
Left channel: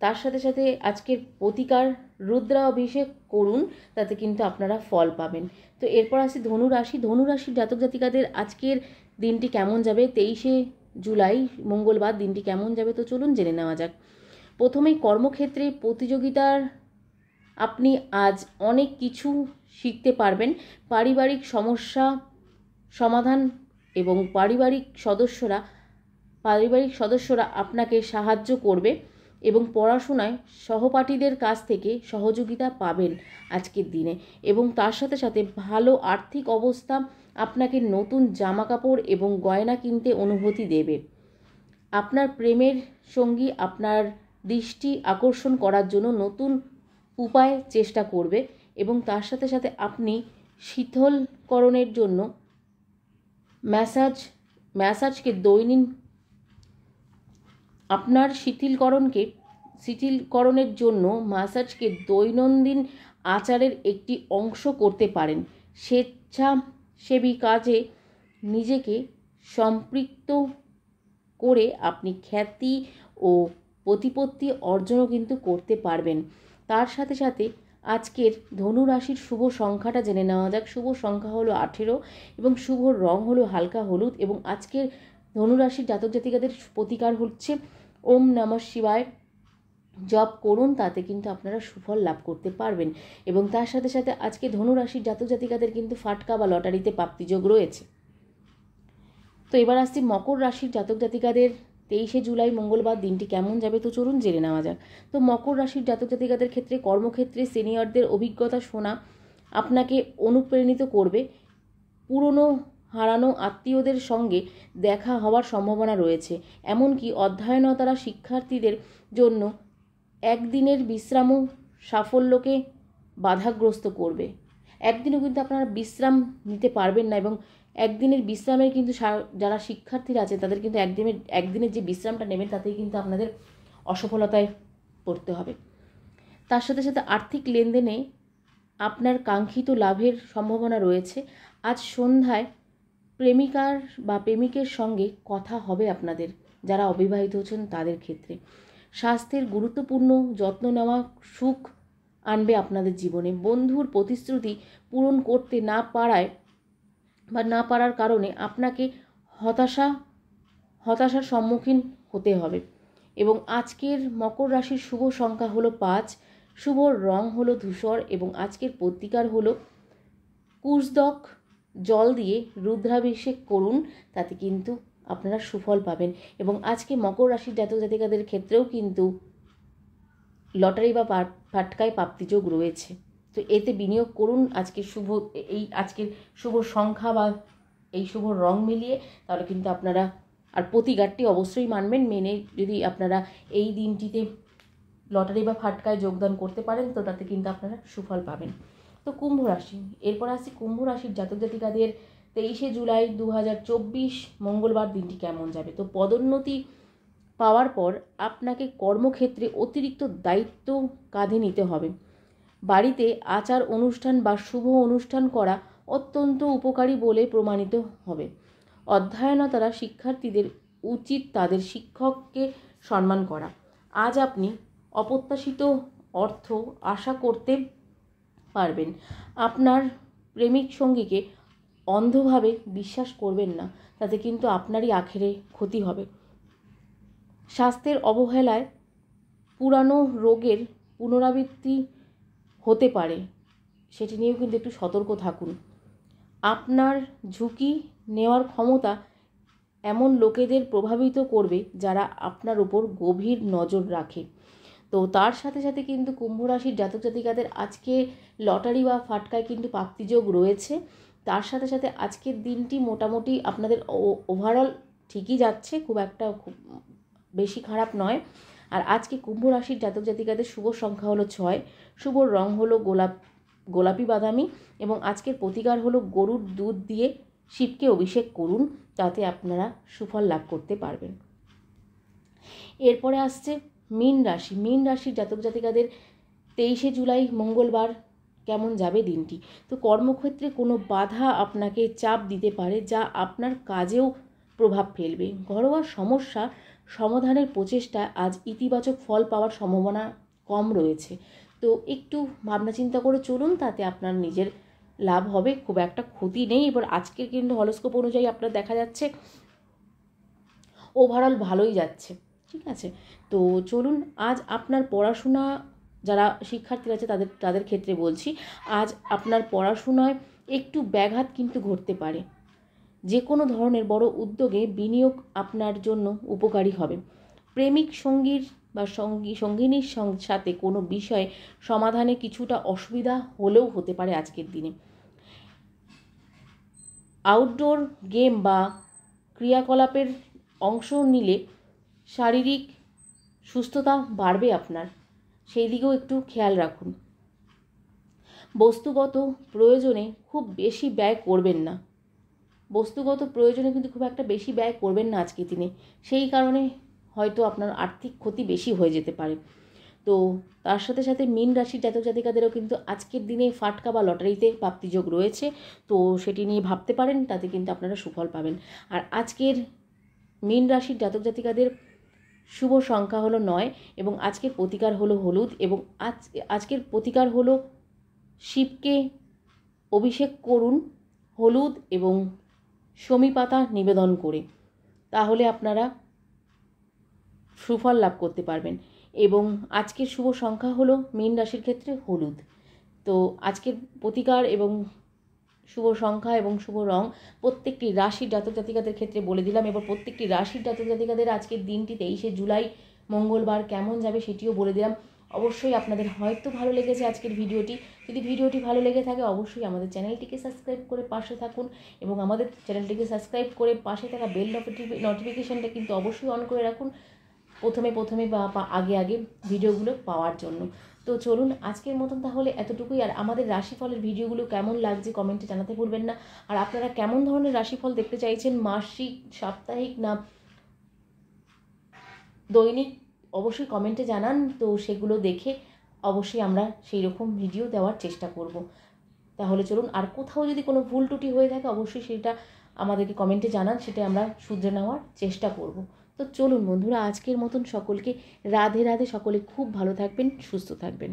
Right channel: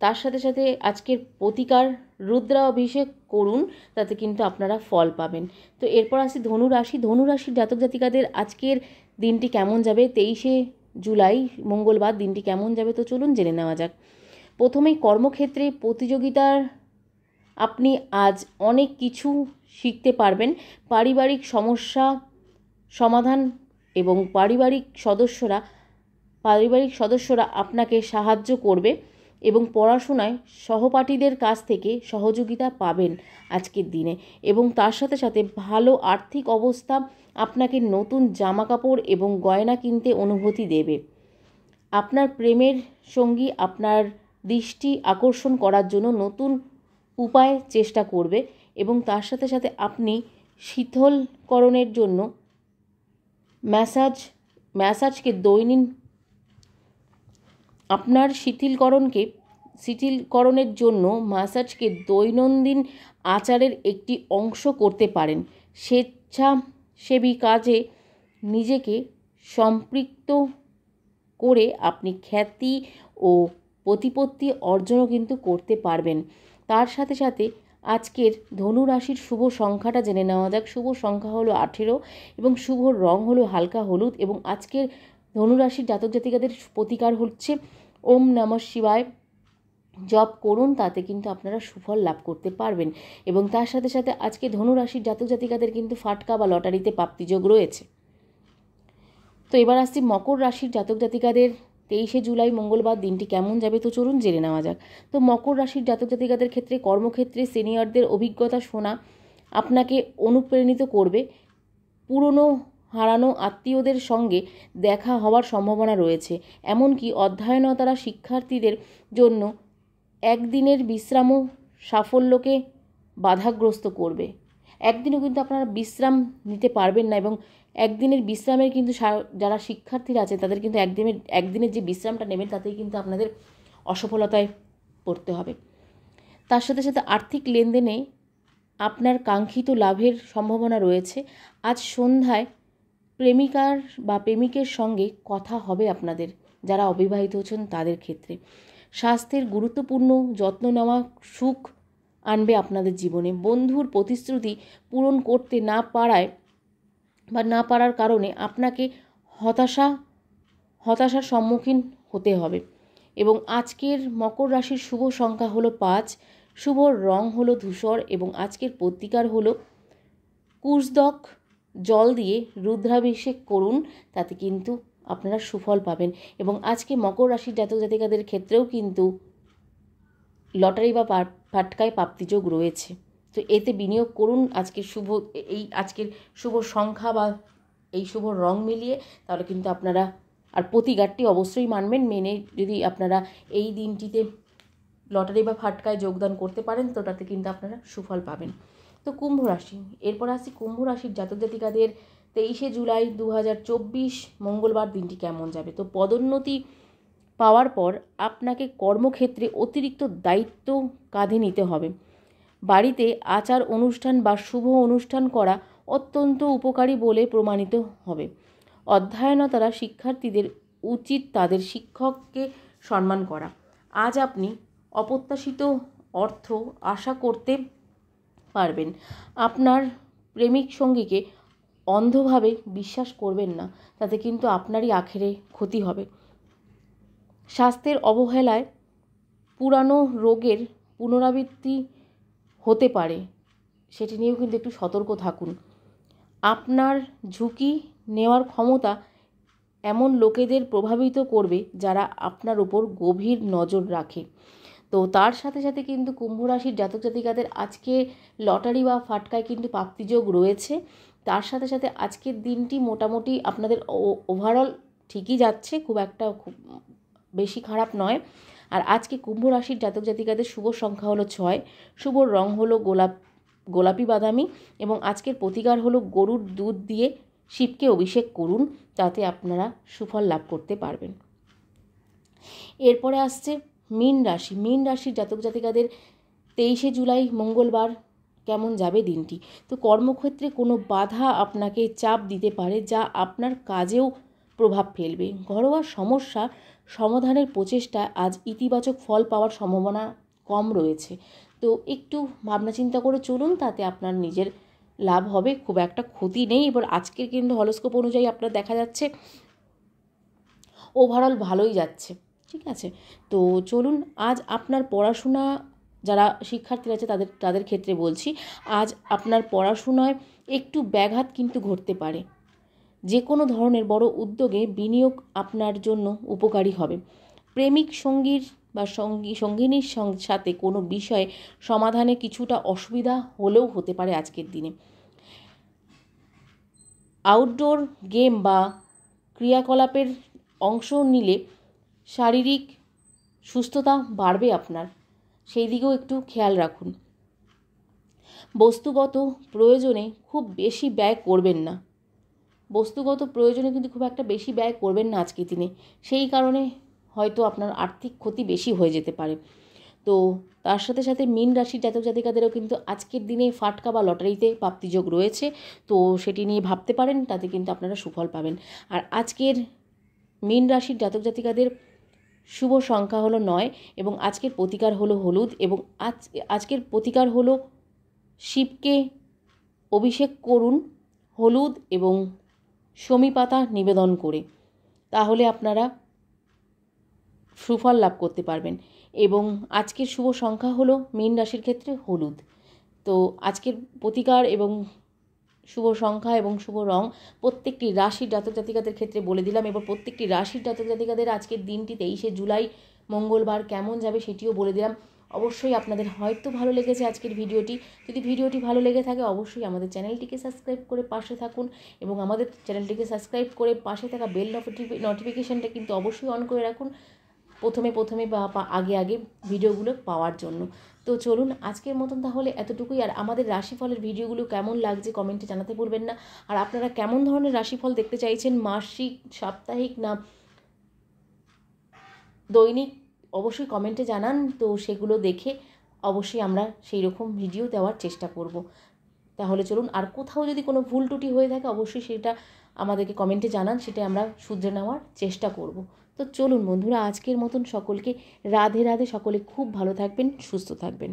তার সাথে সাথে আজকের প্রতিকার রুদ্রাভিষেক করুন, তাতে কিন্তু আপনারা ফল পাবেন। তো এরপর আসি ধনু রাশি। ধনু রাশির জাতক জাতিকাদের আজকের দিনটি কেমন যাবে, 23শে জুলাই মঙ্গলবার দিনটি কেমন যাবে তো চলুন জেনে নেওয়া যাক। প্রথমেই কর্মক্ষেত্রে প্রতিযোগিতার আপনি আজ অনেক কিছু শিখতে পারবেন। পারিবারিক সমস্যা সমাধান এবং পারিবারিক সদস্যরা আপনাকে সাহায্য করবে এবং পড়াশোনায় সহপাঠীদের কাছ থেকে সহযোগিতা পাবেন আজকের দিনে। এবং তার সাথে সাথে ভালো আর্থিক অবস্থা আপনাকে নতুন জামাকাপড় এবং গয়না কিনতে অনুভূতি দেবে। আপনার প্রেমের সঙ্গী আপনার দৃষ্টি আকর্ষণ করার জন্য নতুন উপায় চেষ্টা করবে এবং তার সাথে সাথে আপনি শীতলকরণের জন্য ম্যাসাজকে দৈনিক আপনার শিথিলকরণের জন্য ম্যাসাজকে দৈনন্দিন আচারের একটি অংশ করতে পারেন। স্বেচ্ছাসেবী কাজে নিজেকে সম্পৃক্ত করে আপনি খ্যাতি ও প্রতিপত্তি অর্জনও কিন্তু করতে পারবেন। তার সাথে সাথে আজকের ধনু রাশির শুভ সংখ্যাটা জেনে নেওয়া যাক। শুভ সংখ্যা হলো 18 এবং শুভ রং হলো হালকা হলুদ। এবং আজকের ধনু রাশির জাতক জাতিকাদের প্রতিকার হচ্ছে ওম নমঃ শিবায় জপ করুন, তাতে কিন্তু আপনারা সুফল লাভ করতে পারবেন। এবং তার সাথে সাথে আজকে ধনু রাশির জাতক জাতিকাদের কিন্তু ফাটকা বা লটারিতে প্রাপ্তিযোগ রয়েছে। তো এবার আসছি মকর রাশির জাতক জাতিকাদের 23শে জুলাই মঙ্গলবার দিনটি কেমন যাবে, তো চলুন জেনে নেওয়া যাক। তো মকর রাশির জাতক জাতিকাদের ক্ষেত্রে কর্মক্ষেত্রে সিনিয়রদের অভিজ্ঞতা শোনা আপনাকে অনুপ্রাণিত করবে। পুরনো হারানো আত্মীয়দের সঙ্গে দেখা হওয়ার সম্ভাবনা রয়েছে। এমনকি অধ্যয়নতারা শিক্ষার্থীদের জন্য একদিনের বিশ্রামও সাফল্যকে বাধাগ্রস্ত করবে। একদিনও কিন্তু আপনারা বিশ্রাম নিতে পারবেন না এবং একদিনের বিশ্রামের কিন্তু যারা শিক্ষার্থীরা আছে তাদের কিন্তু একদিনের যে বিশ্রামটা নেবেন তাতেই কিন্তু আপনাদের অসফলতায় পড়তে হবে। তার সাথে সাথে আর্থিক লেনদেনে আপনার কাঙ্ক্ষিত লাভের সম্ভাবনা রয়েছে। আজ সন্ধ্যায় প্রেমিকার বা প্রেমিকের সঙ্গে কথা হবে আপনাদের, যারা অবিবাহিত হচ্ছেন তাদের ক্ষেত্রে। স্বাস্থ্যের গুরুত্বপূর্ণ যত্ন নেওয়া সুখ আনবে আপনাদের জীবনে। বন্ধুর প্রতিশ্রুতি পূরণ করতে না পারার কারণে আপনাকে হতাশার সম্মুখীন হতে হবে। এবং আজকের মকর রাশির শুভ সংখ্যা হলো 5, শুভ রং হলো ধূসর এবং আজকের প্রতিকার হলো কুশদক জল দিয়ে রুদ্রাভিষেক করুন, তাতে কিন্তু আপনারা সুফল পাবেন। এবং আজকে মকর রাশির জাতক জাতিকাদের ক্ষেত্রেও কিন্তু লটারি বা ফাটকায় প্রাপ্তিযোগ রয়েছে। তো এতে বিনিয়োগ করুন আজকের শুভ সংখ্যা বা এই শুভ রং মিলিয়ে, তাহলে কিন্তু আপনারা আর প্রতিকারটি অবশ্যই মানবেন। মেনে যদি আপনারা এই দিনটিতে লটারি বা ফাটকায় যোগদান করতে পারেন তো তাতে কিন্তু আপনারা সুফল পাবেন। তো কুম্ভ রাশি, এরপর আসছি কুম্ভ রাশির জাতক জাতিকাদের 23শে জুলাই 2024 মঙ্গলবার দিনটি কেমন যাবে। তো পদোন্নতি পাওয়ার পর আপনাকে কর্মক্ষেত্রে অতিরিক্ত দায়িত্ব কাঁধে নিতে হবে। বাড়িতে আচার অনুষ্ঠান বা শুভ অনুষ্ঠান করা অত্যন্ত উপকারী বলে প্রমাণিত হবে। অধ্যয়নতারা শিক্ষার্থীদের উচিত তাদের শিক্ষককে সম্মান করা। আজ আপনি অপ্রত্যাশিত অর্থ আশা করতে পারবেন। আপনার প্রেমিক সঙ্গীকে অন্ধভাবে বিশ্বাস করবেন না, তাতে কিন্তু আপনারই আখেরে ক্ষতি হবে। স্বাস্থ্যের অবহেলায় পুরানো রোগের পুনরাবৃত্তি হতে পারে, সেটি নিয়েও কিন্তু একটু সতর্ক থাকুন। আপনার ঝুঁকি নেওয়ার ক্ষমতা এমন লোকেদের প্রভাবিত করবে যারা আপনার উপর গভীর নজর রাখে। তো তার সাথে সাথে কিন্তু কুম্ভ রাশির জাতক জাতিকাদের আজকে লটারি বা ফাটকায় কিন্তু প্রাপ্তিযোগ রয়েছে। তার সাথে সাথে আজকের দিনটি মোটামুটি আপনাদের ওভারঅল ঠিকই যাচ্ছে, খুব বেশি খারাপ নয়। আর আজকে কুম্ভ রাশির জাতক জাতিকাদের শুভ সংখ্যা হলো 6, শুভ রং হলো গোলাপি বাদামি এবং আজকের প্রতিকার হলো গরুর দুধ দিয়ে শিবকে অভিষেক করুন, তাতে আপনারা সুফল লাভ করতে পারবেন। এরপরে আসছে মীন রাশি। মীন রাশির জাতক জাতিকাদের 23শে জুলাই মঙ্গলবার কেমন যাবে দিনটি। তো কর্মক্ষেত্রে কোনো বাধা আপনাকে চাপ দিতে পারে, যা আপনার কাজেও প্রভাব ফেলবে। ঘরোয়া সমস্যা সমাধানের প্রচেষ্টা আজ ইতিবাচক ফল পাওয়ার সম্ভাবনা কম রয়েছে। তো একটু ভাবনা চিন্তা করে চলুন, তাতে আপনার নিজের লাভ হবে, খুব একটা ক্ষতি নেই। এবার আজকের কিন্তু হরোস্কোপ অনুযায়ী আপনার দেখা যাচ্ছে ওভারঅল ভালোই যাচ্ছে, ঠিক আছে। তো চলুন, আজ আপনার পড়াশোনা, যারা শিক্ষার্থী আছে তাদের ক্ষেত্রে বলছি, আজ আপনার পড়াশোনায় একটু ব্যাঘাত কিন্তু ঘটতে পারে। যে কোনো ধরনের বড় উদ্যোগে বিনিয়োগ আপনার জন্য উপকারী হবে। প্রেমিক সঙ্গীর বা সঙ্গিনীর সাথে কোনো বিষয়ে সমাধানে কিছুটা অসুবিধা হলেও হতে পারে আজকের দিনে। আউটডোর গেম বা ক্রিয়াকলাপের অংশ নিলে শারীরিক সুস্থতা বাড়বে আপনার, সেই দিকেও একটু খেয়াল রাখুন। বস্তুগত প্রয়োজনে খুব বেশি ব্যয় করবেন না, কিন্তু খুব একটা বেশি ব্যয় করবেন না আজকের দিনে, সেই কারণে হয়তো আপনার আর্থিক ক্ষতি বেশি হয়ে যেতে পারে। তো তার সাথে সাথে মীন রাশির জাতক জাতিকাদেরও কিন্তু আজকের দিনে ফাটকা বা লটারিতে প্রাপ্তিযোগ রয়েছে, তো সেটি নিয়ে ভাবতে পারেন, তাতে কিন্তু আপনারা সুফল পাবেন। আর আজকের মীন রাশির জাতক জাতিকাদের শুভ সংখ্যা হলো 9 এবং আজকের প্রতিকার হলো হলুদ এবং আজকের প্রতিকার হলো শিবকে অভিষেক করুন হলুদ এবং শমী পাতা নিবেদন করে, তাহলে আপনারা সুফল লাভ করতে পারবেন। এবং আজকের শুভ সংখ্যা হলো মীন রাশির ক্ষেত্রে হলুদ। তো আজকের প্রতিকার এবং শুভ সংখ্যা এবং শুভ রং প্রত্যেকটি রাশির জাতক জাতিকাদের ক্ষেত্রে বলে দিলাম। এবং প্রত্যেকটি রাশির জাতক জাতিকাদের আজকের দিনটি 23শে জুলাই মঙ্গলবার কেমন যাবে সেটিও বলে দিলাম। অবশ্যই আপনাদের হয়তো ভালো লেগেছে আজকের ভিডিওটি। যদি ভিডিওটি ভালো লেগে থাকে অবশ্যই আমাদের চ্যানেলটিকে সাবস্ক্রাইব করে পাশে থাকুন এবং আমাদের চ্যানেলটিকে সাবস্ক্রাইব করে পাশে থাকা বেল নোটিফিকেশানটা কিন্তু অবশ্যই অন করে রাখুন প্রথমে বা আগে ভিডিওগুলো পাওয়ার জন্য। তো চলুন আজকের মতন তাহলে এতটুকুই। আর আমাদের রাশিফলের ভিডিওগুলো কেমন লাগছে কমেন্টে জানাতে ভুলবেন না। আর আপনারা কেমন ধরনের রাশিফল দেখতে চাইছেন, মাসিক, সাপ্তাহিক না দৈনিক, অবশ্যই কমেন্টে জানান। তো সেগুলো দেখে অবশ্যই আমরা সেই রকম ভিডিও দেওয়ার চেষ্টা করব। তাহলে চলুন, আর কোথাও যদি কোনো ভুল ত্রুটি হয়ে থাকে অবশ্যই সেটা আমাদেরকে কমেন্টে জানান, সেটা আমরা শুধরে নেওয়ার চেষ্টা করব। তো চলুন বন্ধুরা, আজকের মতন সকলকে রাধে রাধে। সকলে খুব ভালো থাকবেন, সুস্থ থাকবেন।